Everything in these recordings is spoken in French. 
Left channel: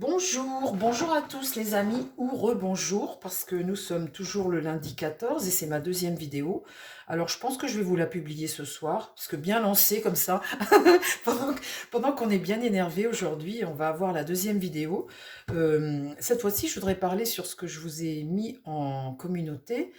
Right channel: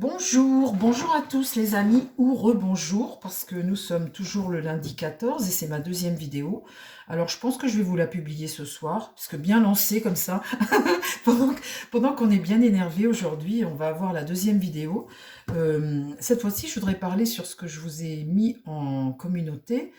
Bonjour, bonjour à tous les amis, ou rebonjour, parce que nous sommes toujours le lundi 14 et c'est ma deuxième vidéo. Alors je pense que je vais vous la publier ce soir, parce que bien lancé comme ça, pendant, pendant qu'on est bien énervé aujourd'hui, on va avoir la deuxième vidéo. Cette fois-ci, je voudrais parler sur ce que je vous ai mis en communauté,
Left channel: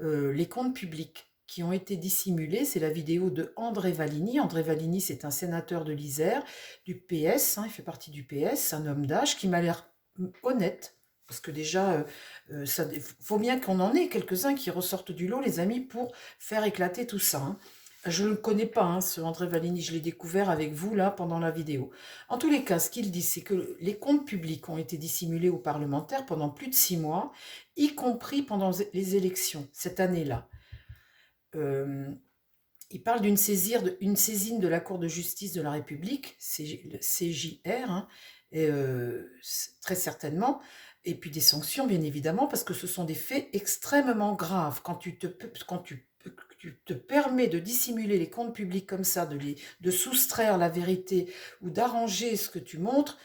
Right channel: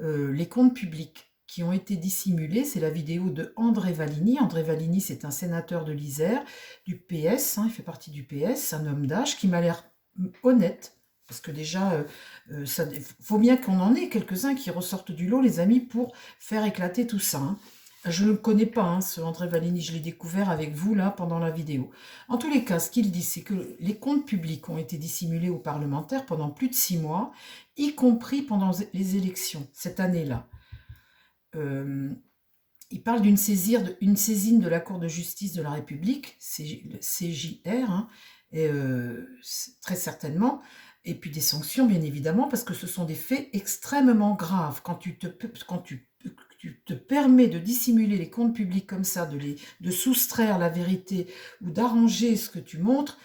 les comptes publics qui ont été dissimulés. C'est la vidéo de André Valigny. André Valigny, c'est un sénateur de l'Isère, du PS, il fait partie du PS, un homme d'âge qui m'a l'air honnête, parce que déjà, ça faut bien qu'on en ait quelques-uns qui ressortent du lot, les amis, pour faire éclater tout ça. Je ne le connais pas, ce André Valigny, je l'ai découvert avec vous, là, pendant la vidéo. En tous les cas, ce qu'il dit, c'est que les comptes publics ont été dissimulés aux parlementaires pendant plus de 6 mois, y compris pendant les élections, cette année-là. Euh, il parle d'une saisine de la Cour de justice de la République, CJR, et, très certainement, et puis des sanctions, bien évidemment, parce que ce sont des faits extrêmement graves. Quand tu te permets de dissimuler les comptes publics comme ça, de soustraire la vérité ou d'arranger ce que tu montres,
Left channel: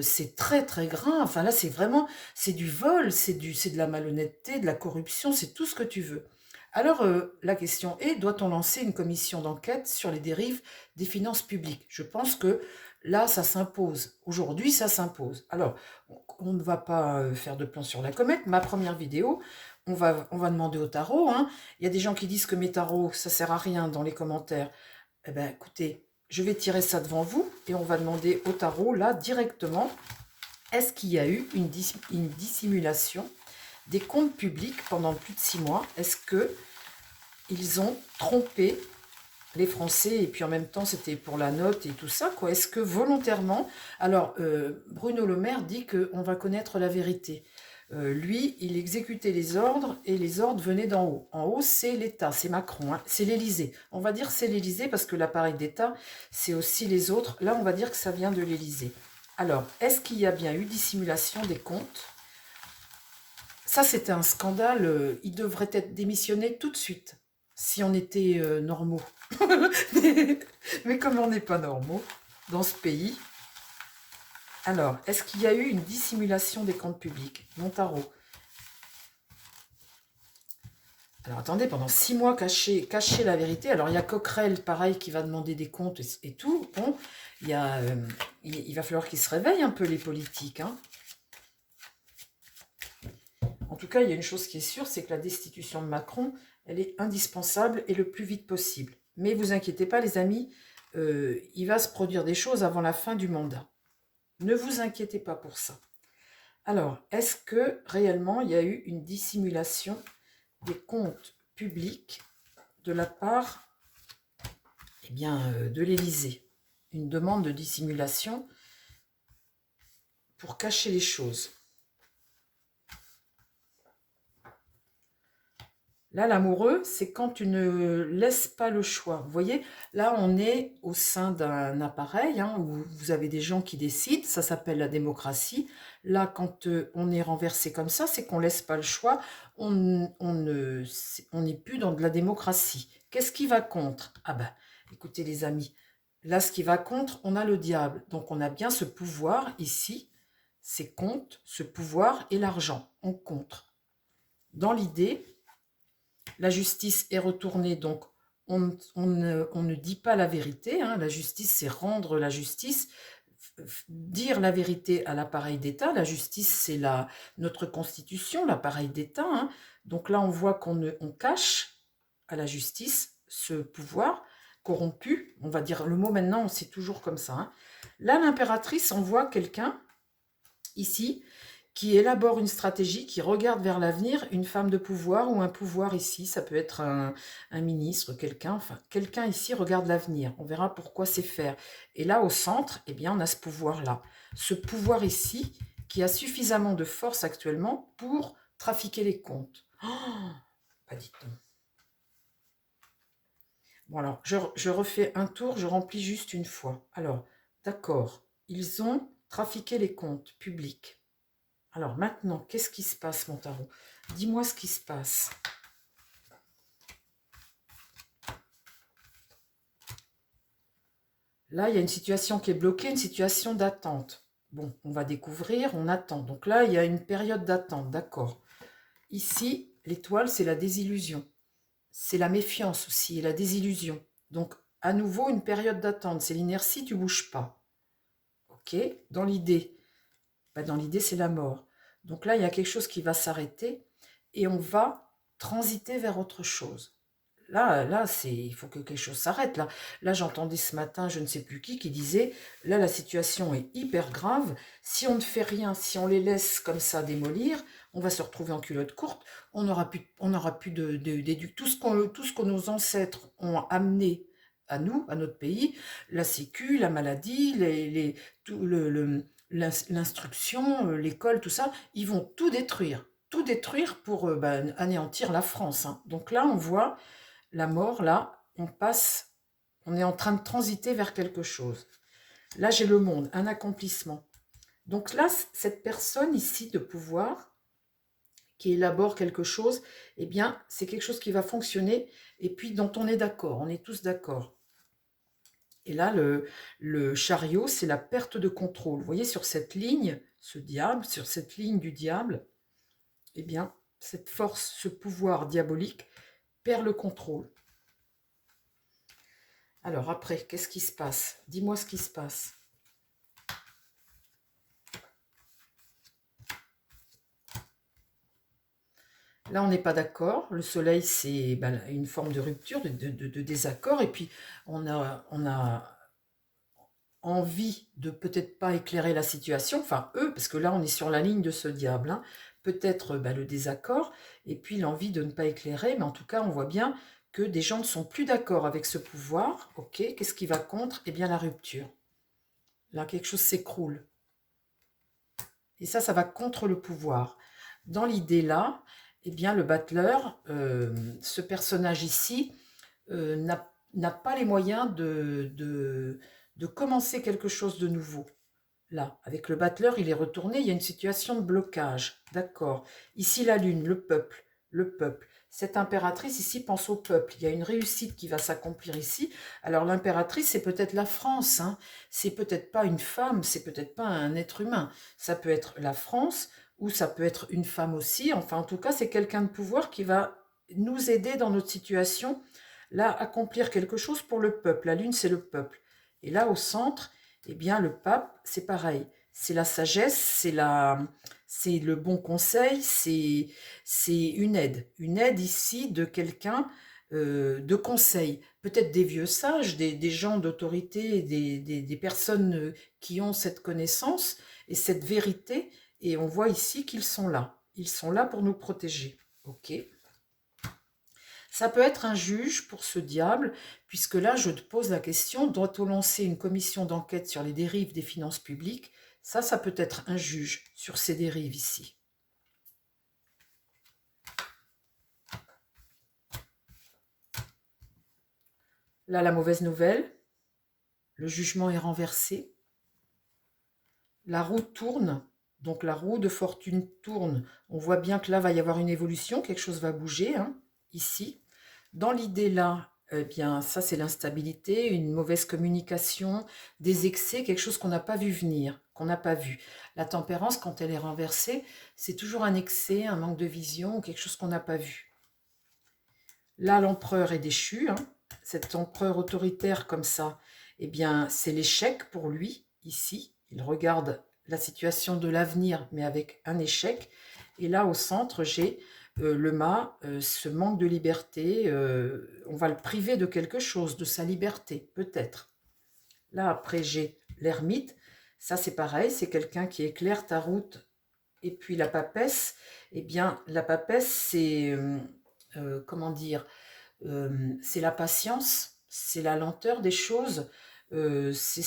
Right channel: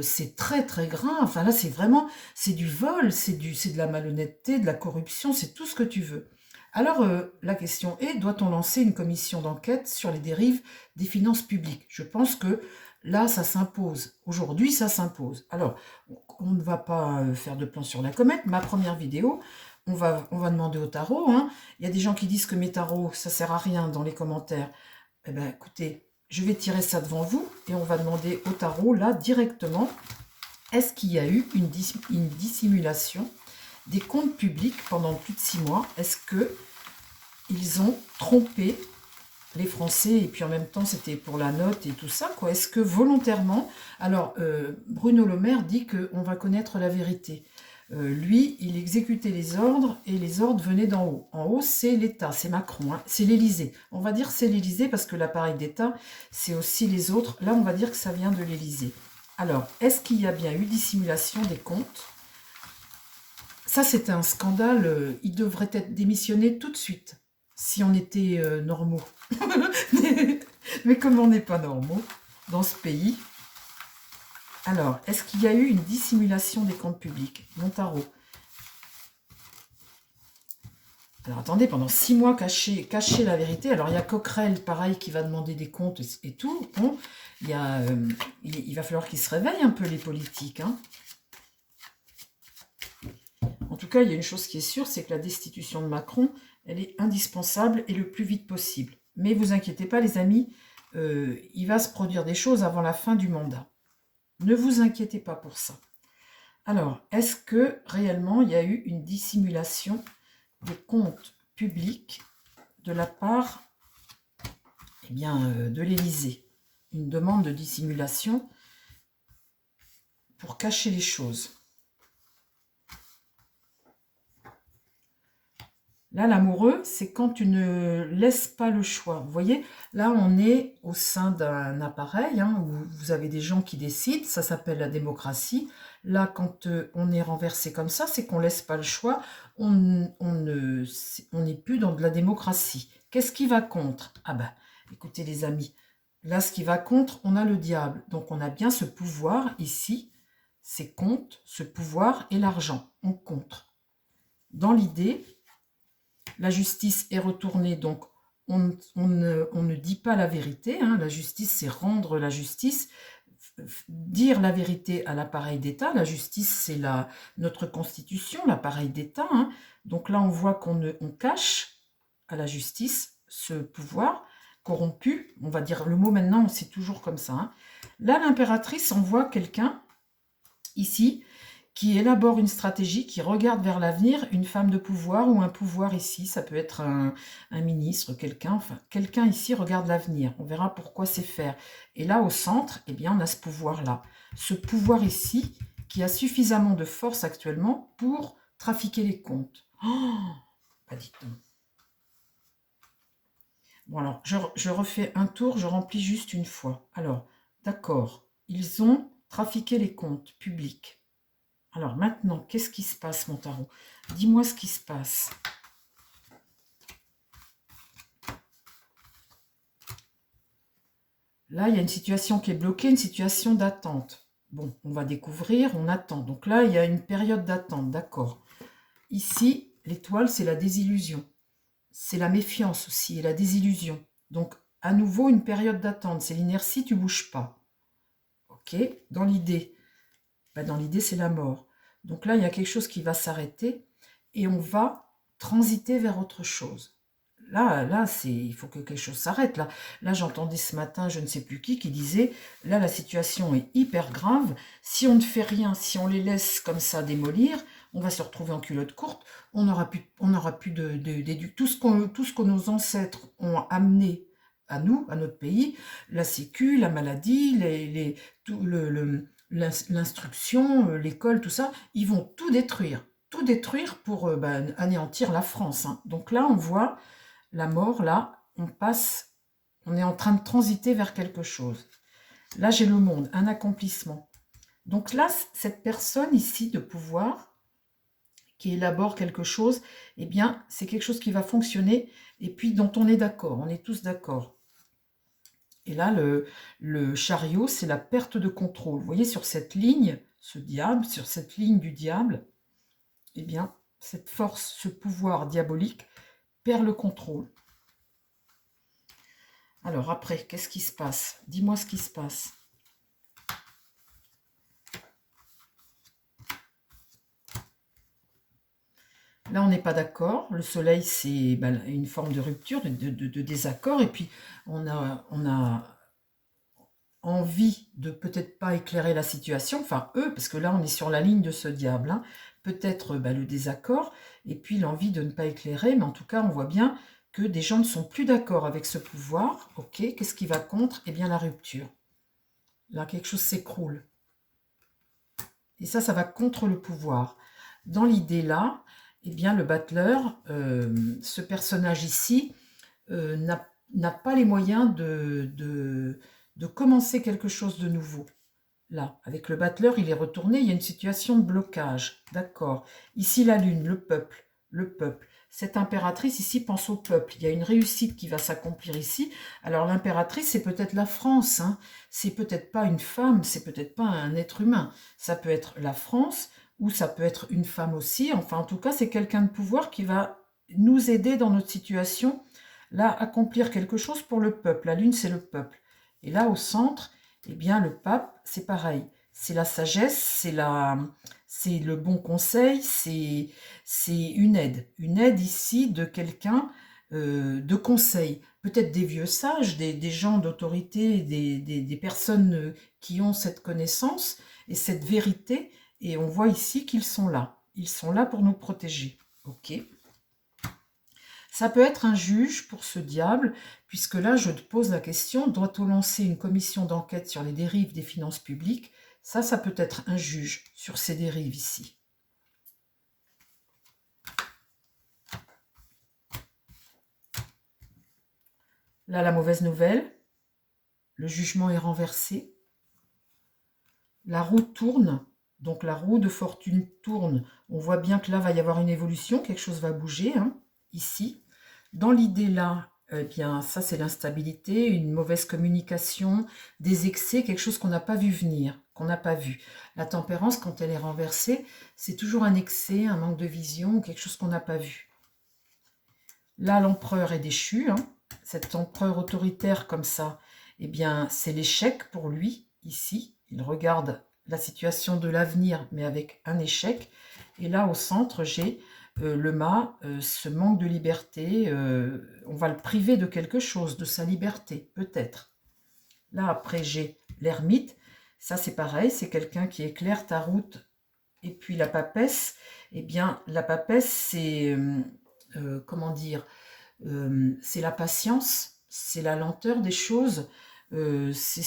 c'est très très grave. Enfin là, c'est du vol, c'est de la malhonnêteté, de la corruption, c'est tout ce que tu veux. Alors, la question est, doit-on lancer une commission d'enquête sur les dérives des finances publiques? Je pense que là, ça s'impose. Aujourd'hui, ça s'impose. Alors, on ne va pas faire de plan sur la comète. Ma première vidéo, on va demander au tarot. Il y a des gens qui disent que mes tarots, ça sert à rien dans les commentaires. Eh bien, écoutez, je vais tirer ça devant vous et on va demander au tarot, là, directement, est-ce qu'il y a eu une dissimulation des comptes publics pendant plus de 6 mois? Est-ce que ils ont trompé les Français, et puis en même temps c'était pour la note et tout ça, quoi. Est-ce que volontairement... Alors, Bruno Le Maire dit qu'on va connaître la vérité. Lui, il exécutait les ordres, et les ordres venaient d'en haut. En haut, c'est l'État, c'est Macron, c'est l'Élysée. On va dire c'est l'Élysée, parce que l'appareil d'État, c'est aussi les autres. Là, on va dire que ça vient de l'Élysée. Alors, est-ce qu'il y a bien eu dissimulation des comptes? Ça, c'était un scandale. Il devrait être démissionné tout de suite, si on était normaux. mais, mais comme on n'est pas normaux dans ce pays, alors, est-ce qu'il y a eu une dissimulation des comptes publics? Mon tarot. Alors, attendez, pendant 6 mois, cacher la vérité. Alors, il y a Coquerel, pareil, qui va demander des comptes et tout. Bon, il va falloir qu'ils se réveillent un peu, les politiques. En tout cas, il y a une chose qui est sûre, c'est que la destitution de Macron, elle est indispensable et le plus vite possible. Mais vous inquiétez pas, les amis, il va se produire des choses avant la fin du mandat. Ne vous inquiétez pas pour ça. Alors, est-ce que réellement il y a eu une dissimulation des comptes publics de la part de l'Élysée? Une demande de dissimulation pour cacher les choses. Là, l'amoureux, c'est quand tu ne laisses pas le choix. Vous voyez, là, on est au sein d'un appareil où vous avez des gens qui décident. Ça s'appelle la démocratie. Là, quand on est renversé comme ça, c'est qu'on ne laisse pas le choix. On n'est plus dans de la démocratie. Qu'est-ce qui va contre? Ah ben, écoutez les amis, là, ce qui va contre, on a le diable. Donc, on a bien ce pouvoir ici. C'est contre, ce pouvoir et l'argent. On contre. Dans l'idée... La justice est retournée, donc on ne dit pas la vérité. La justice, c'est rendre la justice, dire la vérité à l'appareil d'État. La justice, c'est notre constitution, l'appareil d'État. Donc là, on voit on cache à la justice ce pouvoir corrompu. On va dire le mot maintenant, c'est toujours comme ça. Là, l'impératrice envoie quelqu'un, ici, qui élabore une stratégie, qui regarde vers l'avenir, une femme de pouvoir ou un pouvoir ici, ça peut être un ministre, quelqu'un ici regarde l'avenir. On verra pourquoi c'est faire. Et là, au centre, eh bien, on a ce pouvoir-là. Ce pouvoir ici, qui a suffisamment de force actuellement pour trafiquer les comptes. Oh, pas dit donc. Bon, alors, je refais un tour, je remplis juste une fois. Alors, d'accord, ils ont trafiqué les comptes publics. Alors maintenant, qu'est-ce qui se passe, mon tarot? Dis-moi ce qui se passe. Là, il y a une situation qui est bloquée, une situation d'attente. Bon, on va découvrir, on attend. Donc là, il y a une période d'attente, d'accord. Ici, l'étoile, c'est la désillusion. C'est la méfiance aussi, et la désillusion. Donc, à nouveau, une période d'attente. C'est l'inertie, tu bouges pas. Ok. Dans l'idée, dans l'idée, c'est la mort. Donc là, il y a quelque chose qui va s'arrêter et on va transiter vers autre chose. Là, il faut que quelque chose s'arrête. Là, j'entendais ce matin, je ne sais plus qui disait, là, la situation est hyper grave. Si on ne fait rien, si on les laisse comme ça démolir, on va se retrouver en culotte courte. On n'aura plus tout ce que nos ancêtres ont amené à nous, à notre pays, la sécu, la maladie, l'instruction, l'école, tout ça, ils vont tout détruire pour anéantir la France. Hein. Donc là, on voit la mort, là, on est en train de transiter vers quelque chose. Là, j'ai le monde, un accomplissement. Donc là, cette personne ici de pouvoir, qui élabore quelque chose, eh bien, c'est quelque chose qui va fonctionner et puis dont on est d'accord, on est tous d'accord. Et là, le chariot, c'est la perte de contrôle. Vous voyez, sur cette ligne, ce diable, sur cette ligne du diable, eh bien, cette force, ce pouvoir diabolique perd le contrôle. Alors après, qu'est-ce qui se passe? Dis-moi ce qui se passe. Là, on n'est pas d'accord. Le soleil, c'est une forme de rupture, de désaccord. Et puis, on a envie de peut-être pas éclairer la situation. Enfin, eux, parce que là, on est sur la ligne de ce diable. Hein. Peut-être le désaccord et puis l'envie de ne pas éclairer. Mais en tout cas, on voit bien que des gens ne sont plus d'accord avec ce pouvoir. Ok, qu'est-ce qui va contre? Eh bien, la rupture. Là, quelque chose s'écroule. Et ça va contre le pouvoir. Dans l'idée là, eh bien, le battleur, ce personnage ici, n'a pas les moyens de commencer quelque chose de nouveau. Là, avec le battleur, il est retourné, il y a une situation de blocage. D'accord. Ici, la lune, le peuple, le peuple. Cette impératrice ici pense au peuple. Il y a une réussite qui va s'accomplir ici. Alors l'impératrice, c'est peut-être la France. Hein. C'est peut-être pas une femme, c'est peut-être pas un être humain. Ça peut être la France ou ça peut être une femme aussi. Enfin, en tout cas, c'est quelqu'un de pouvoir qui va nous aider dans notre situation. Là, accomplir quelque chose pour le peuple. La lune, c'est le peuple. Et là, au centre, eh bien, le pape, c'est pareil. C'est la sagesse, c'est le bon conseil, c'est une aide. Une aide ici de quelqu'un de conseil. Peut-être des vieux sages, des gens d'autorité, des personnes qui ont cette connaissance et cette vérité. Et on voit ici qu'ils sont là. Ils sont là pour nous protéger. Ok. Ça peut être un juge pour ce diable, puisque là, je te pose la question, doit-on lancer une commission d'enquête sur les dérives des finances publiques? Ça peut être un juge sur ces dérives ici. Là, la mauvaise nouvelle, le jugement est renversé. La roue tourne, donc la roue de fortune tourne. On voit bien que là, va y avoir une évolution, quelque chose va bouger, hein, ici. Dans l'idée là, eh bien, ça c'est l'instabilité, une mauvaise communication, des excès, quelque chose qu'on n'a pas vu venir, qu'on n'a pas vu. La tempérance, quand elle est renversée, c'est toujours un excès, un manque de vision, quelque chose qu'on n'a pas vu. Là, l'empereur est déchu, hein. Cet empereur autoritaire comme ça, eh bien, c'est l'échec pour lui, ici. Il regarde la situation de l'avenir, mais avec un échec. Et là, au centre, j'ai le mât, ce manque de liberté, on va le priver de quelque chose, de sa liberté, peut-être. Là, après, j'ai l'ermite. Ça, c'est pareil, c'est quelqu'un qui éclaire ta route. Et puis la papesse, eh bien, la papesse, c'est, comment dire, c'est la patience, c'est la lenteur des choses, c'est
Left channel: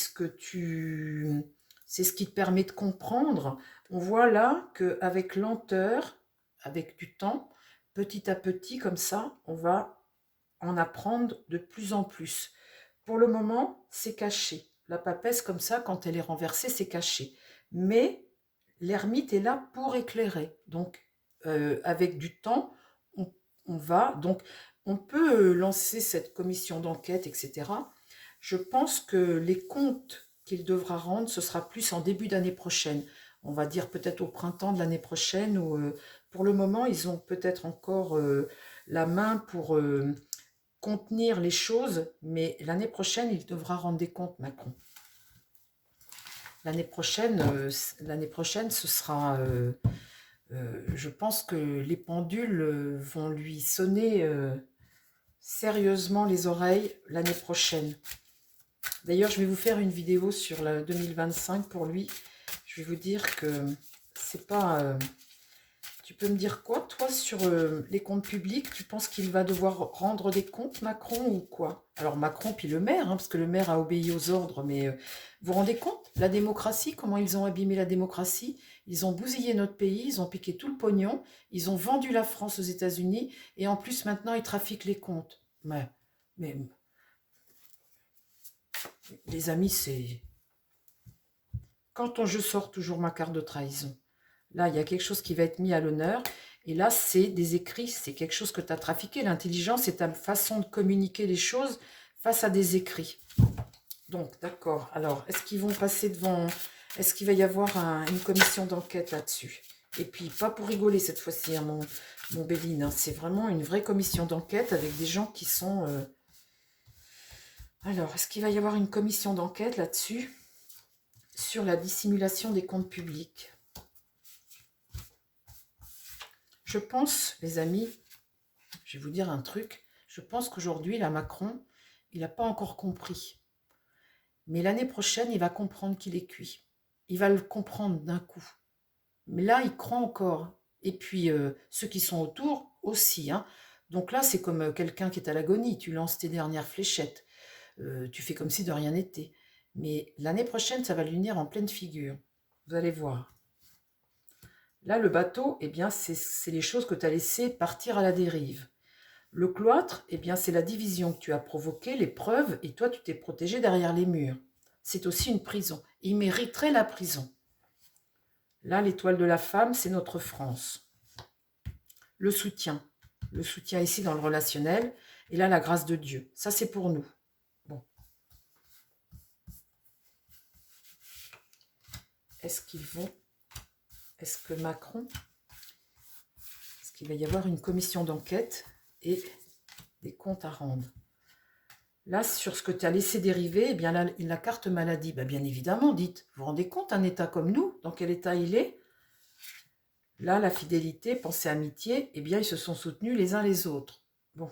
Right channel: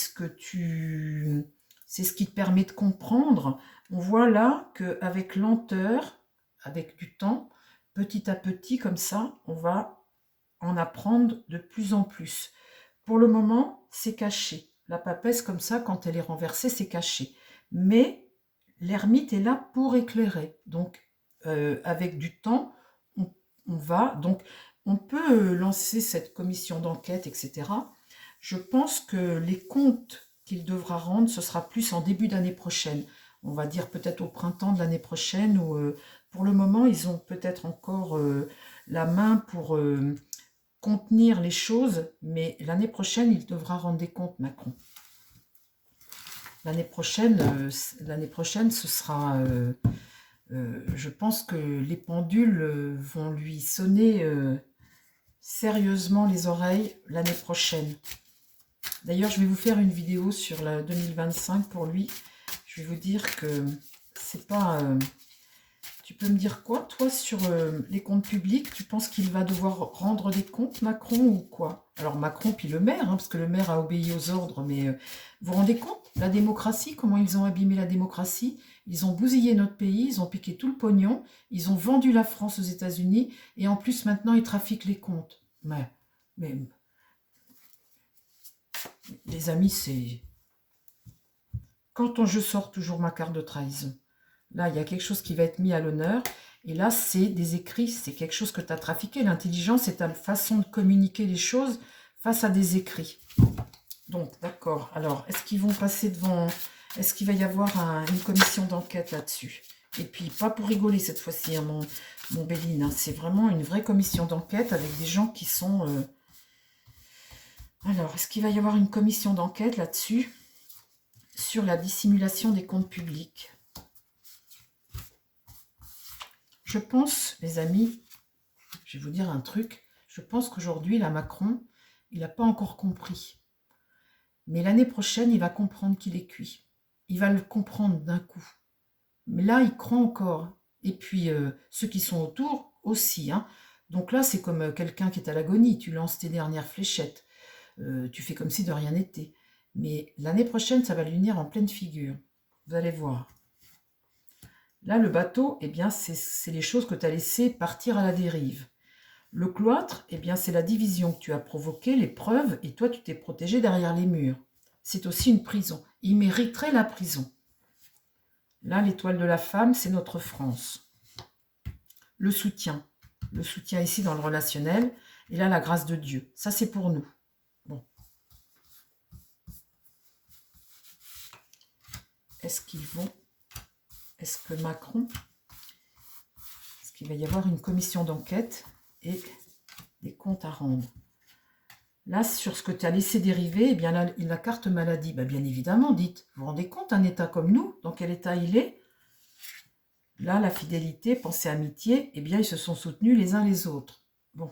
c'est ce qui te permet de comprendre. On voit là qu'avec lenteur, avec du temps, petit à petit, comme ça, on va en apprendre de plus en plus. Pour le moment, c'est caché. La papesse, comme ça, quand elle est renversée, c'est caché. Mais l'ermite est là pour éclairer. Donc, avec du temps, on va... Donc, on peut lancer cette commission d'enquête, etc. Je pense que les comptes qu'il devra rendre, ce sera plus en début d'année prochaine. On va dire peut-être au printemps de l'année prochaine, ou pour le moment, ils ont peut-être encore la main pour contenir les choses, mais l'année prochaine, il devra rendre des comptes, Macron. L'année prochaine, ce sera... je pense que les pendules vont lui sonner sérieusement les oreilles l'année prochaine. D'ailleurs, je vais vous faire une vidéo sur la 2025 pour lui. Je vais vous dire que c'est pas... tu peux me dire quoi, toi, sur les comptes publics? Tu penses qu'il va devoir rendre des comptes, Macron, ou quoi? Alors, Macron, puis le maire, hein, parce que le maire a obéi aux ordres, mais vous vous rendez compte? La démocratie, comment ils ont abîmé la démocratie? Ils ont bousillé notre pays, ils ont piqué tout le pognon, ils ont vendu la France aux États-Unis, et en plus, maintenant, ils trafiquent les comptes. Mais les amis, c'est... Quand je sors toujours ma carte de trahison, là, il y a quelque chose qui va être mis à l'honneur. Et là, c'est des écrits, c'est quelque chose que tu as trafiqué. L'intelligence, c'est ta façon de communiquer les choses face à des écrits. Donc, d'accord. Alors, est-ce qu'ils vont passer devant... Est-ce qu'il va y avoir une commission d'enquête là-dessus? Et puis, pas pour rigoler cette fois-ci, hein, mon Béline. Hein. C'est vraiment une vraie commission d'enquête avec des gens qui sont... Alors, est-ce qu'il va y avoir une commission d'enquête là-dessus sur la dissimulation des comptes publics? Je pense, les amis, je vais vous dire un truc, je pense qu'aujourd'hui, la Macron, il n'a pas encore compris. Mais l'année prochaine, il va comprendre qu'il est cuit. Il va le comprendre d'un coup. Mais là, il croit encore. Et puis, ceux qui sont autour aussi. Hein. Donc là, c'est comme quelqu'un qui est à l'agonie. Tu lances tes dernières fléchettes. Tu fais comme si de rien n'était. Mais l'année prochaine, ça va lui venir en pleine figure. Vous allez voir. Là, le bateau, eh bien, c'est les choses que tu as laissées partir à la dérive. Le cloître, eh bien, c'est la division que tu as provoquée, les preuves, et toi, tu t'es protégé derrière les murs. C'est aussi une prison. Il mériterait la prison. Là, l'étoile de la femme, c'est notre France. Le soutien ici dans le relationnel, et là, la grâce de Dieu. Ça, c'est pour nous. Bon. Est-ce que Macron, est-ce qu'il va y avoir une commission d'enquête et des comptes à rendre? Là, sur ce que tu as laissé dériver, eh bien, la carte maladie, ben, bien évidemment, dites, vous vous rendez compte, un état comme nous, dans quel état il est? Là, la fidélité, pensée, amitié, eh bien, ils se sont soutenus les uns les autres. Bon.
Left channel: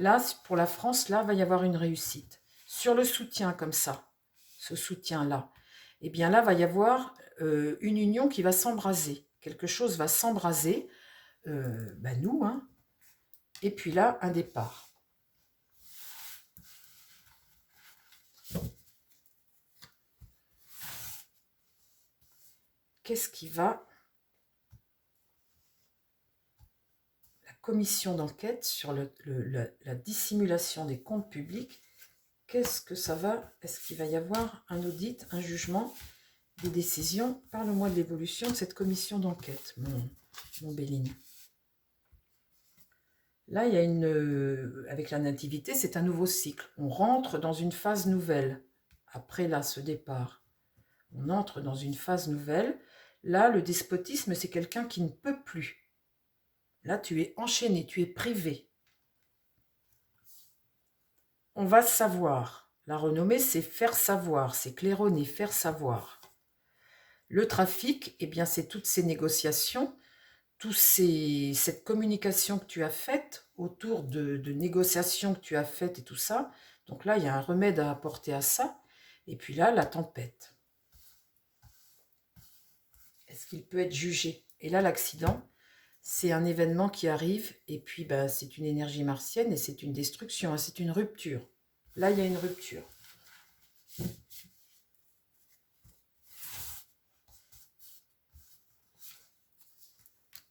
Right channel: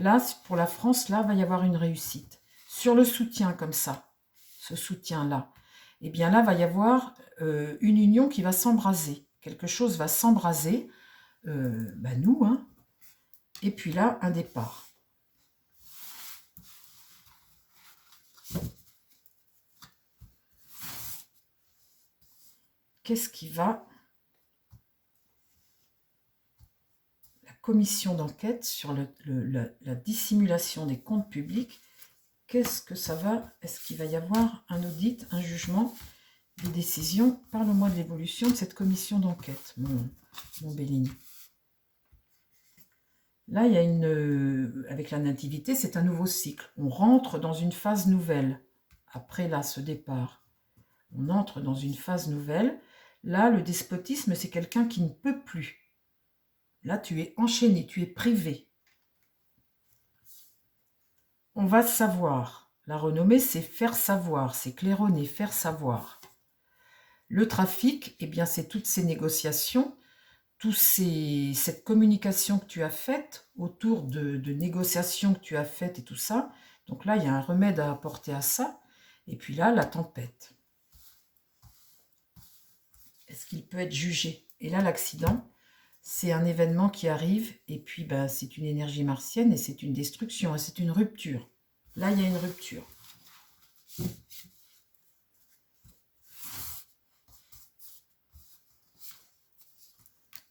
Là, pour la France, là, va y avoir une réussite. Sur le soutien, comme ça, ce soutien-là, eh bien, là, va y avoir une union qui va s'embraser. Quelque chose va s'embraser, ben, nous, hein. Et puis là, un départ. Qu'est-ce qui va... La commission d'enquête sur la dissimulation des comptes publics, qu'est-ce que ça va? Est-ce qu'il va y avoir un audit, un jugement, des décisions? Parle-moi de l'évolution de cette commission d'enquête, mon Béline. Là, il y a avec la nativité, c'est un nouveau cycle. On rentre dans une phase nouvelle. Après là, ce départ, on entre dans une phase nouvelle. Là, le despotisme, c'est quelqu'un qui ne peut plus. Là, tu es enchaîné, tu es privé. On va savoir. La renommée, c'est faire savoir, c'est claironner, faire savoir. Le trafic, eh bien, c'est toutes ces négociations, cette communication que tu as faite autour de négociations que tu as faites et tout ça. Donc là, il y a un remède à apporter à ça. Et puis là, la tempête. Est-ce qu'il peut être jugé? Et là, l'accident, c'est un événement qui arrive. Et puis, bah, c'est une énergie martienne et c'est une destruction, hein, c'est une rupture. Là, il y a une rupture.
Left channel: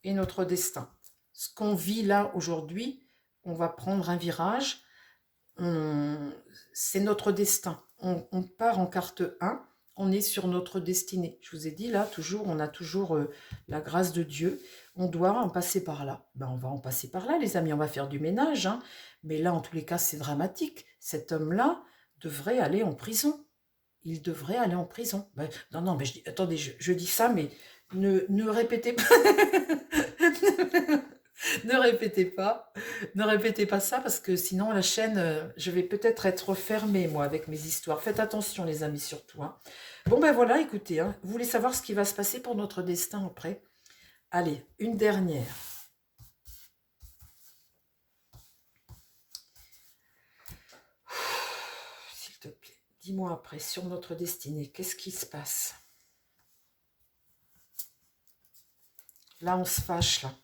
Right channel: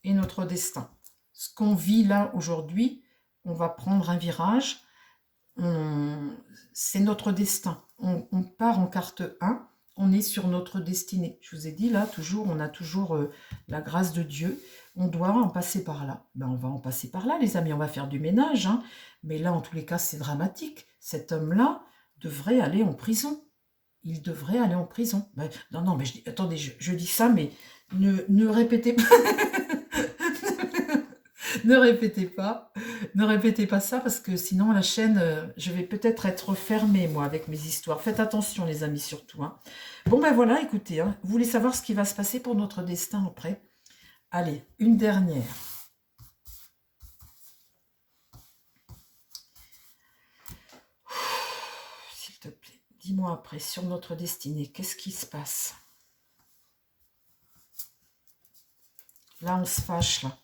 Et notre destin. Ce qu'on vit là aujourd'hui, on va prendre un virage. C'est notre destin. On part en carte 1, on est sur notre destinée. Je vous ai dit là, on a toujours la grâce de Dieu. On doit en passer par là. Ben, on va en passer par là, les amis. On va faire du ménage. Mais là, en tous les cas, c'est dramatique. Cet homme-là devrait aller en prison. il devrait aller en prison. Ben, non, non, mais je dis, attendez, je dis ça, mais ne répétez pas. Ne répétez pas, ne répétez pas ça parce que sinon la chaîne, je vais peut-être être fermée moi avec mes histoires. Faites attention les amis surtout. Hein. Bon ben voilà, écoutez, hein, vous voulez savoir ce qui va se passer pour notre destin après? Allez, une dernière. S'il te plaît, dis-moi après sur notre destinée, qu'est-ce qui se passe? Là on se fâche là.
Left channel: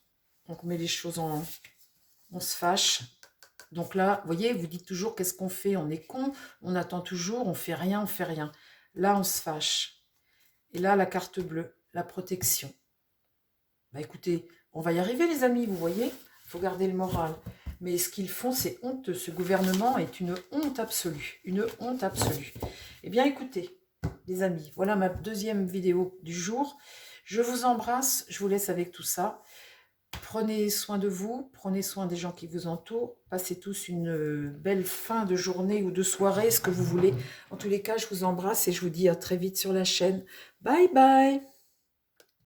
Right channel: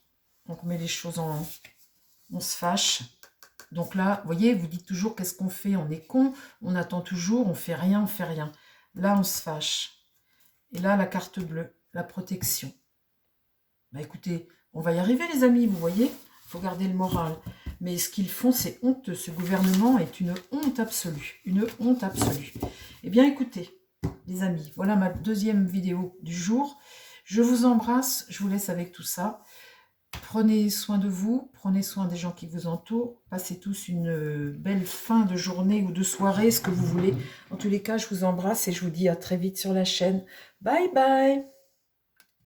On met les choses en... On se fâche. Donc là, vous voyez, vous dites toujours qu'est-ce qu'on fait? On est con, on attend toujours, on fait rien, on fait rien. Là, on se fâche. Et là, la carte bleue, la protection. Bah écoutez, on va y arriver les amis, vous voyez? Il faut garder le moral. Mais ce qu'ils font, c'est honteux. Ce gouvernement est une honte absolue. Une honte absolue. Eh bien écoutez, les amis, voilà ma deuxième vidéo du jour. Je vous embrasse, je vous laisse avec tout ça. Prenez soin de vous, prenez soin des gens qui vous entourent. Passez tous une belle fin de journée ou de soirée, ce que vous voulez. En tous les cas, je vous embrasse et je vous dis à très vite sur la chaîne. Bye bye!